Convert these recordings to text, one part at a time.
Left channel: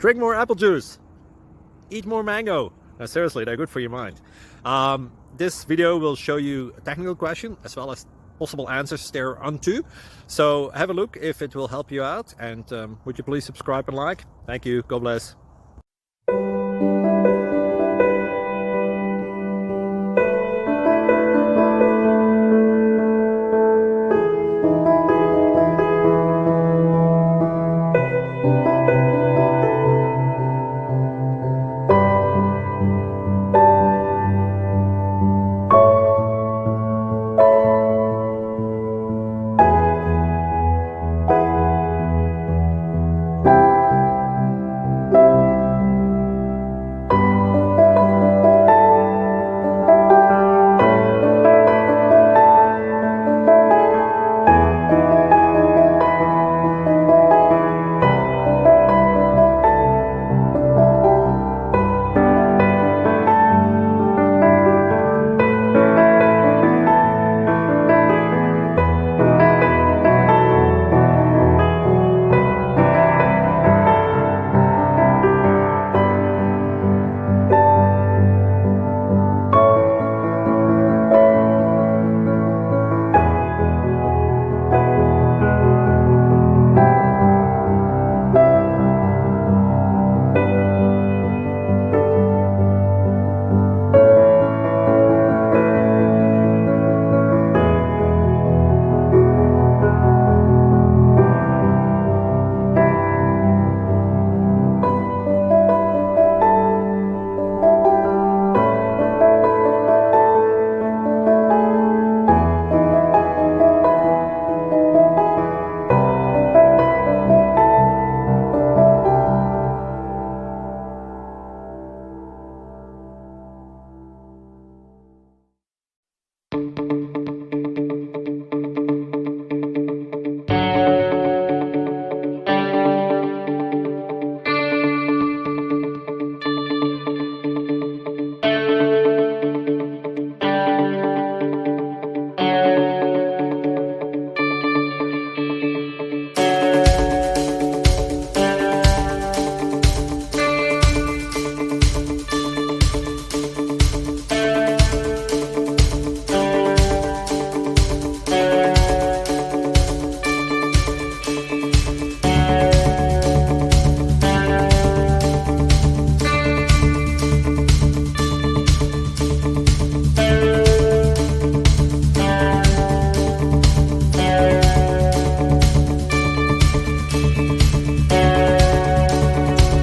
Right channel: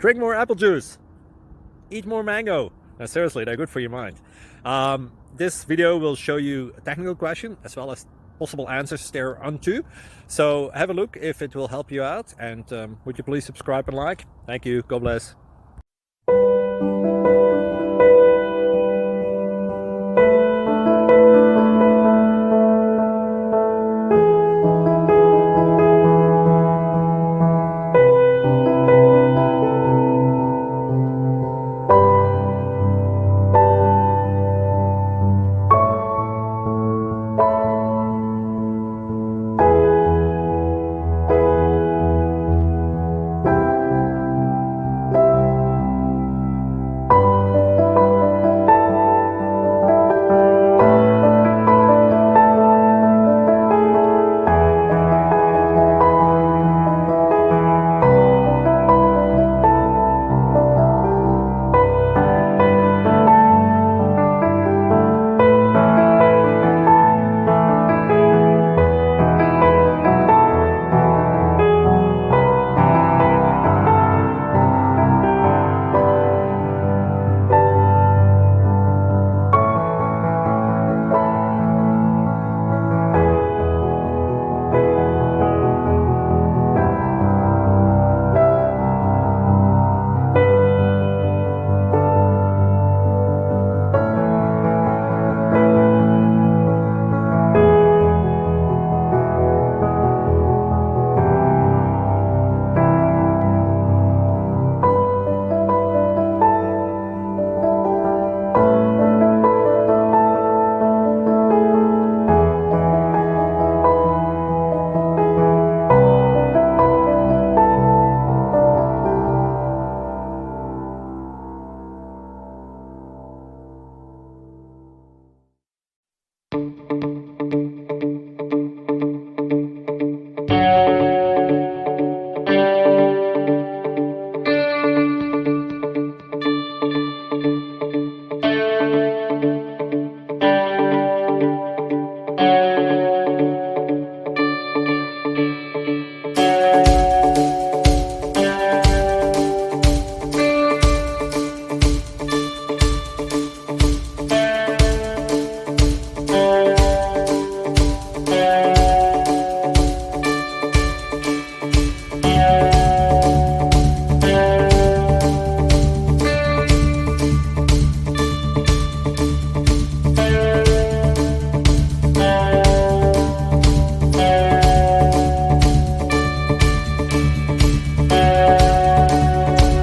Drink more apple juice. Eat more mango. Now, seriously, they're good for your mind. This video will show you a technical question as well as possible answers thereunto. So have a look if it will help you out. And would you please subscribe and like? Thank you. God bless.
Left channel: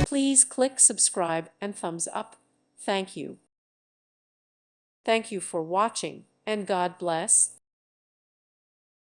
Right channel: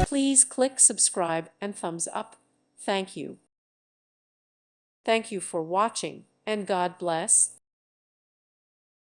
Please click subscribe and thumbs up. Thank you. Thank you for watching, and God bless.